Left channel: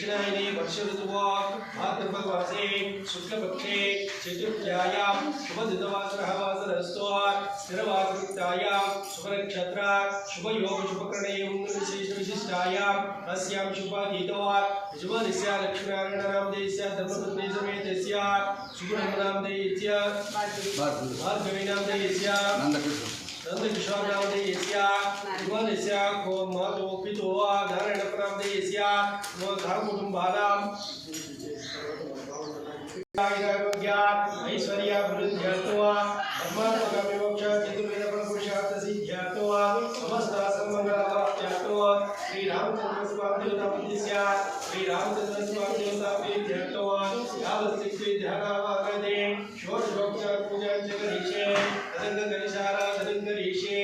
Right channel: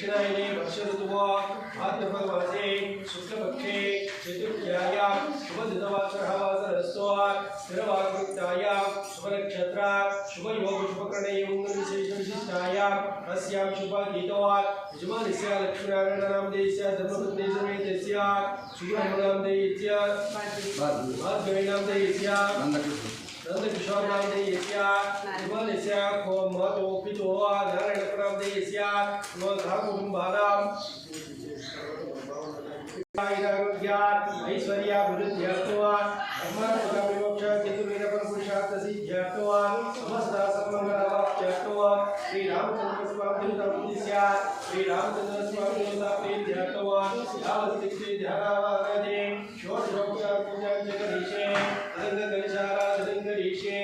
दक्षिणायने वर्ष ऋतुवो भाद्रपदमासे शुक्लपक्षे चतुर्थ्यायां शुभदिनवासरः वासरस्तु स्थिरवाग्युक्तायां शुभनक्षत्र शुभयोग शुभकरणयों विशिष्टायाम् अस्यां शुभगीतो यजमानस्य लक्ष्मीनारायणनामधेयस्य धर्मपत्नी समेतस्य शुभनामधेयस्य भार्गवीनामधेयस्य नंदकिशोर नामधेयस्य यजमानस्य मातो पितो नारायणनामधेयस्य कुटुंबानां ऐश्वर्याभिवृद्ध्यर्थो धर्मात्मकविमोक्ष चतुर्वेदपुरुषार्थसिद्ध्यर्थो समस्त सन्मंगलार्थो श्रीरामचंद्रस्वामी देवतामुद्दिश्य श्रीरामचंद्रस्वामी देवताप्रीत्यर्थो यावत्सिद्धि ध्यानावागते षोडशोपचार पूजाञ्च करिष्ये तदङ्गकलिशाराधनं करिष्ये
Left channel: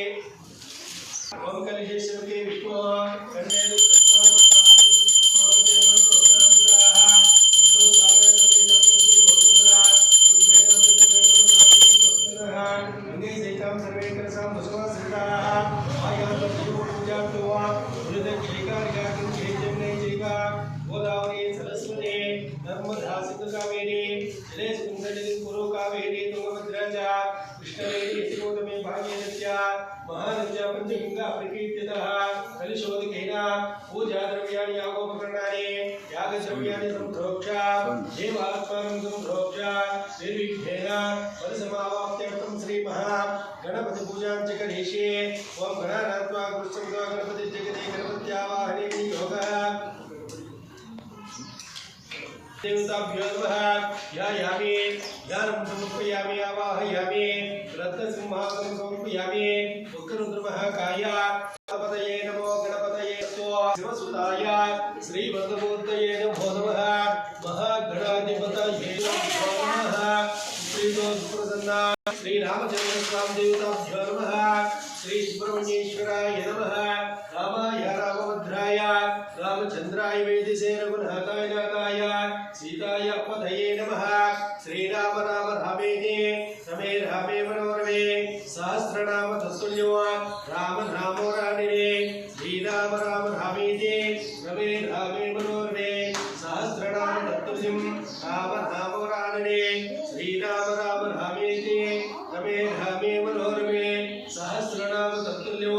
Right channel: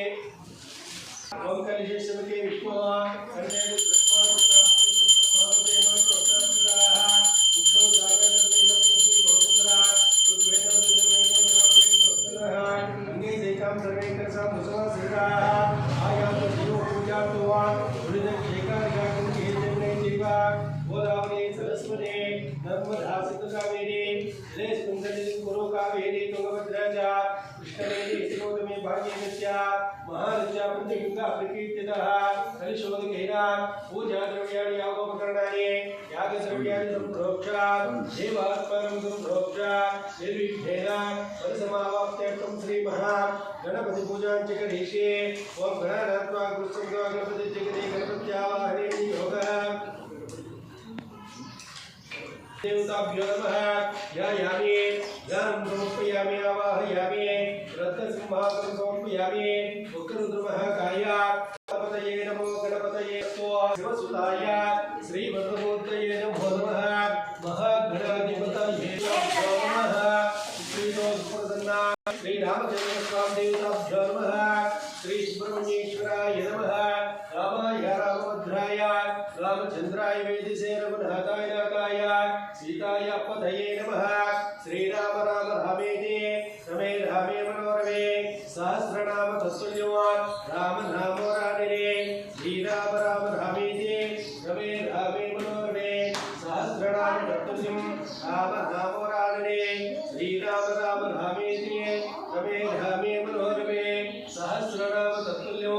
ओम कलिशेश्वके विष्णु कन्ये पूजा द्रव्याणि यागोपकरणानि यागद्रव्याणि संप्रोक्ष देवात्मानं संप्रोक्ष निर्विघ्नेन परिसमाप्त्यर्थं श्री महागणपति पूजाञ्च करिष्ये ओम गणानात्वा गुरुसंगा गणपति जगते गणपत्यावाहने योगः देवताभ्यो नमः ध्यायामि ध्यानं समर्पयामि आवाहयामि रत्नसिंहासनं समर्पयामि उग्ररुद्रमहाकाय गणपतये नमो गणपतये शिवसुताय श्रीभद्रमूर्तये नमो नमः महागणाधिपतये नमः श्रीदोषप्रसन्ना श्रीरामचन्द्रस्वामी देवताभ्यो नमः श्री सुब्रह्मण्येश्वराय नमः रामाय रामभद्राय रामचन्द्राय वेदिसे रघुनाथाय नाथाय सीताय पतये नमः श्रीराम राम रामेति रमे रामे मनोरमे सहस्रनाम तत्तुल्यो राम नामो रामिणे श्रीराम राम रामेति रमे रामे मनोरमे सहस्रनाम तत्तुल्यं राम नामो रामिणे श्रीराम राम रामेति रमे रामे मनोरमे सहस्रनाम तत्तुल्यो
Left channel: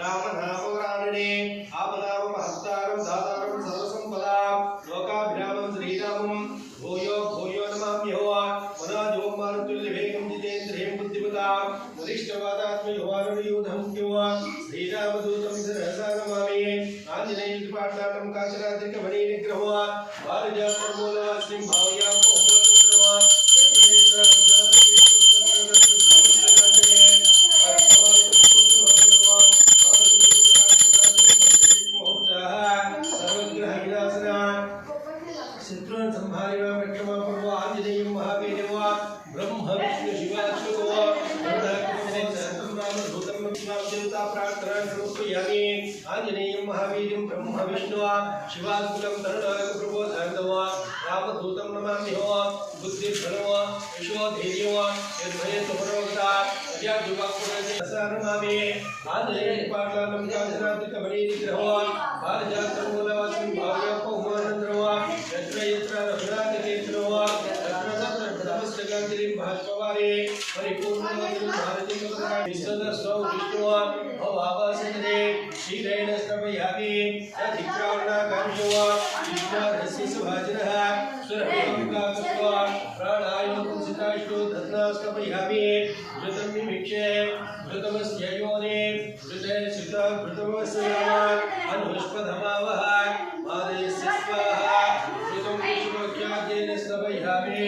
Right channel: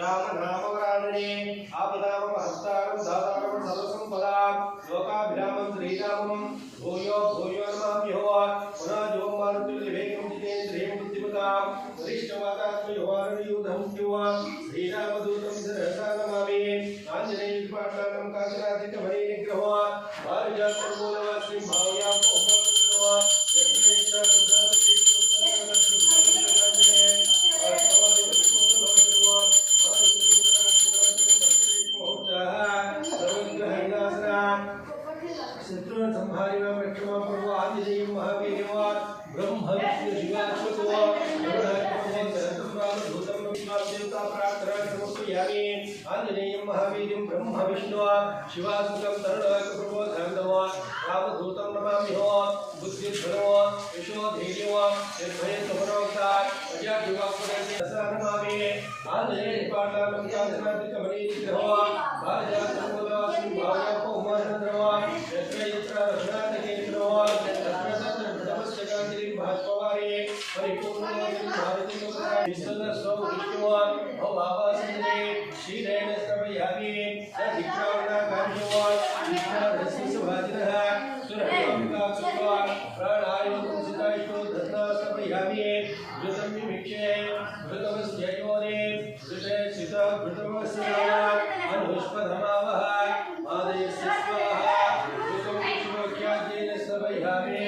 राम नामो रामिणे आपदां महत्तारं दातारं सर्वसंपदां लोकाभिरामं श्रीरामं भूयो भूयो नमाम्यो पुनाजो मारुतुल्यवेगं जितेन्द्रियं बुद्धिमतां वरिष्ठवादात्मयोहारणयुधं युवा श्रीरामदूतं सरसा नमामि आञ्जनेयपाटलानं काचरात्रिकमणिनिग्रहो पारिजातमूलवासिं भावयां ओमनन्द्रवा आंजनेयं महावीरं ब्रह्म विष्णु शिवात्मकं तरुणप्रबोधन्दव रामदूतं नमाम्यो बुद्धिर्धनो यशोधैर्यो निर्भयत्वपरोक्ता अजाड्युवाक्पुरस्य नमामि आंजनेयपाटलानं काञ्चनात्रिकमणिनिग्रहो भारजातं स्थापयामि अधिक्रावणाकांक्षो विष्णुरस्य सुरभिकाकस्वा प्राणायोगसिताष्टो धर्ना स्थापयामि घृतं विमिक्षे घृतमस्य योने घृते सिता घृतमस्य नामात् अनुष्पधमावः मादयस्य स्वाहा घृतं विष्णुख्याद्येन स्थापयामि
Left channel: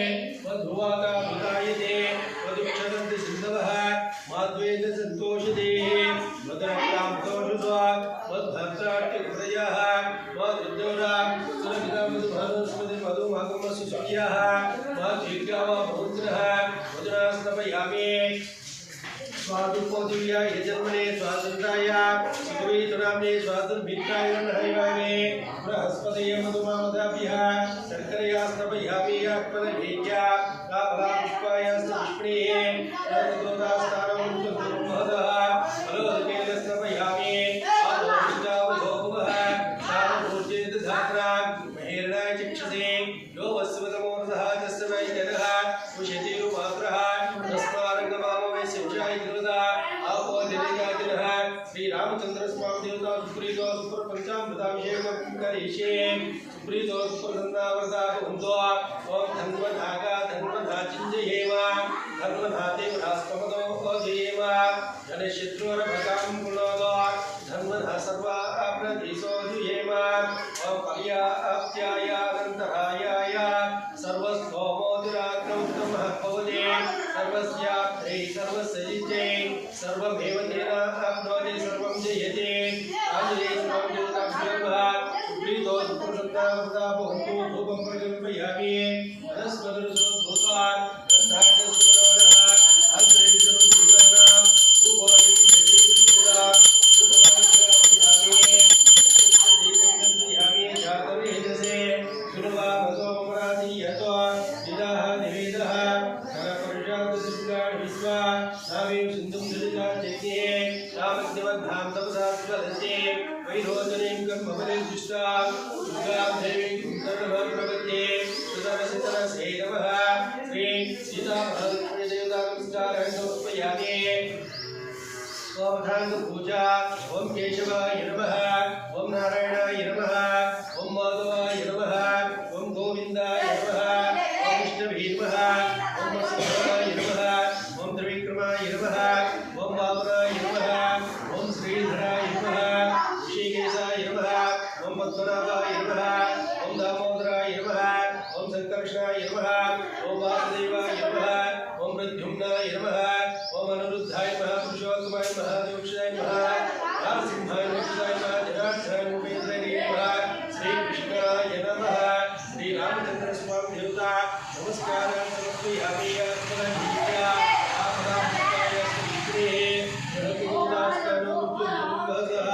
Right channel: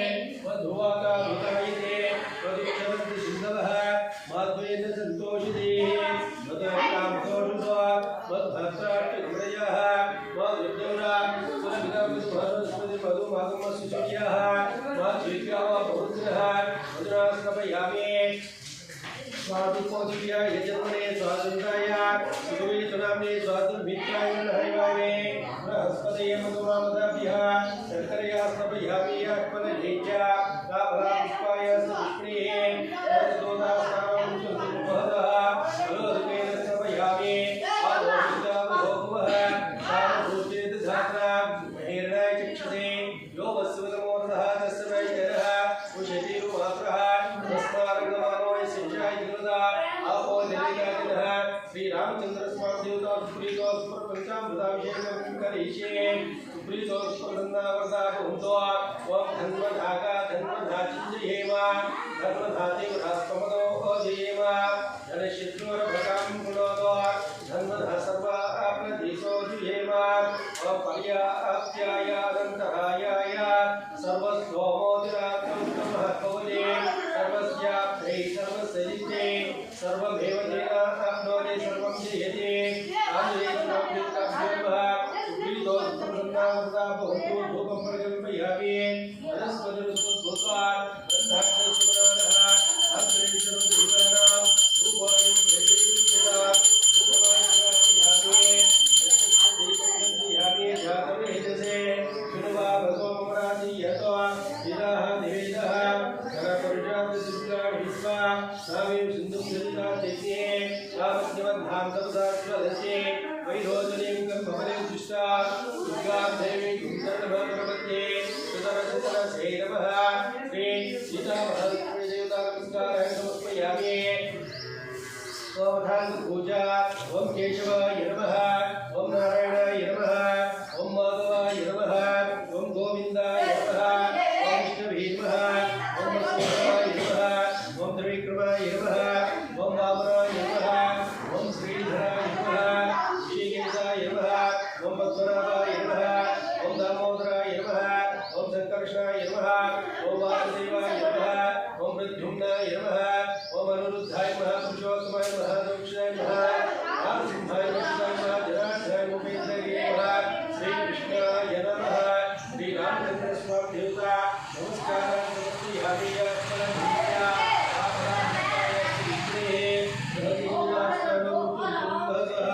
मधुवाका भूतायते मधुक्षरन्ति सिन्धवः माध्वेन सन्तोषिते मधुरक्तां दोषुत्वा मद्भक्ताट्यकृतयः मधुर्दौरा सुरभितं मधुभानुस्मृति मधुमागमस्य सुख्याः मधुर्गावा बहुन्द्रः मधुना स्थापयामि स्वादुपोदिव्या यजन्मने स्वातन्त्राय सुखवेतनाम्ने स्वातन्मित्राय नहैवामे बृहस्पतये मधुमामदाभ्यः शर्करया स्थापयामि आत्मनभेज्या काफलापुष्पाय पुष्पणेः तदोदास्तारं सुमहदः फलोदकेन स्थापयामि आलोकितावलोकवः सारभूचेत धात्रा महेरणाय चक्षसे यो वस्वतमोर्धः तस्य वै जनः उशतिरुमात्रः तस्मारङ्गमानो आपो देवतादिनः श्री रामचंद्र स्वामी देवता सुप्रीतो सुपर पंचामृताभिषेकं करिष्ये सुप्रीतो सुपर संनावर्ता भवन्तो ओम धन्वधाका धन्वधाचिञ्जयेम धन्वधाते गुणास्तमतो अधेम जनशत्रुरभकां गुणोदो धन्वधा सर्वा आपनधीसो जुयेम ओम पर्याप्त्यायानन्तरायाय सर्वस्तोमोदिराक्तं तमः भवते सर्वस्याप्त्यै सर्वसजिते सर्वमेव तेन आप्नोति सर्वं जयते आञ्जनेयस्वामी देवताभ्यो सुप्रीतो सुप्रसन्नावृता भवन्तु धूपं प्रकल्पयामि वनस्पतिरुद्भूत्वा गन्धाक्षसुमनानः आश्रयेश्वरदेवानां रूपोऽयं प्रतिष्ठितः रूपमाश्रयामि दीपं गन्धयामि जातवेदसे सुरवामसो ममराति यतो विदाः निवेदः विश्वा सावीं सिन्धुं दलिता चैत्ये सामध्यमद्धां तपसा स्वलस्ये वैरोचनीं कर्मफले दुष्टा दुर्गां देवीं कुन्दनः प्रपद्ये सुतरसितरसे नमः श्री सीतामहालक्ष्मीदेवतानमस्कारं समर्पयामि स्वावधान पूजा ओम केशवाय नमः ओम नारायणाय नमः ओम माधवाय नमः ओम गोविंदाय नमः ओम विष्णवे नमः ओम वसुदेवाय नमः ओम त्रिविक्रमाय नमः ओम वामनाय नमः ओम श्रीधराय नमः ऋषिकेशाय नमः ओम पद्मनाभाय नमः ओम दामोदराय नमः ओम संकर्षणाय नमः ओम वासुदेवाय नमः ओम प्रद्युम्नाय नमः ओम अनिरुद्धाय नमः पुरुषोत्तमाय नमः दक्षाय नमः नरसिंहाय नमः जनार्दनाय नमः श्रीकृष्णाय नमः श्री रामचंद्र स्वामी देवता नमस्कारं समर्पयामि आत्मनः आपराधिकाय सुमित्रे भगवदास्तानो तुभगः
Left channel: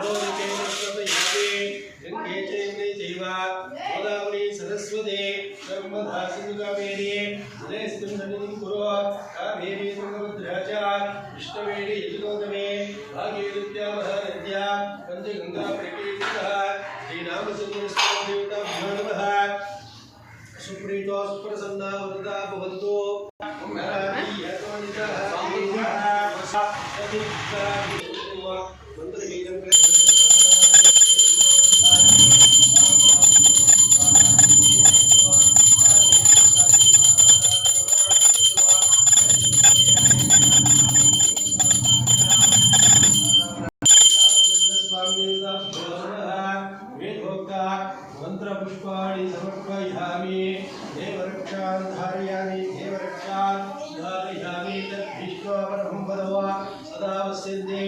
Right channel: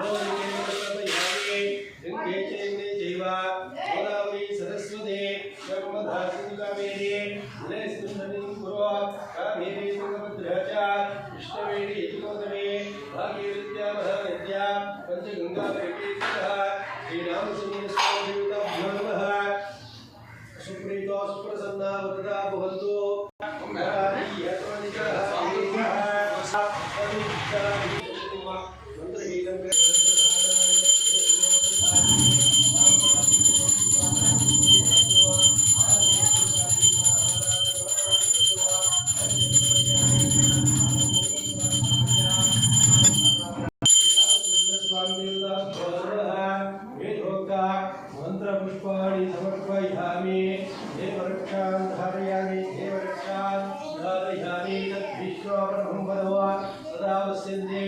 लोके समयामि गंगे चैन्द्रे चैवा गोदावरी सरस्वती नर्मदा सिन्धु कावेरी जलेस्मिन् कुरु कावेरी तुंगभद्रा च कृष्णवेणी यजुगोतमे भागीरथ्या महानद्या पंचगंगा प्रकीर्तितः श्री रामचंद्र स्वामी देवताभ्यो नमः सुप्रीतो सुप्रसन्ना वरदा भवन्तु मंत्रपुष्पाणि समर्पयामि देवरक्षान् धारयामि देवरक्षान् धारयामि तद्विश्वावरणं वदव सदा वस्यन्ते।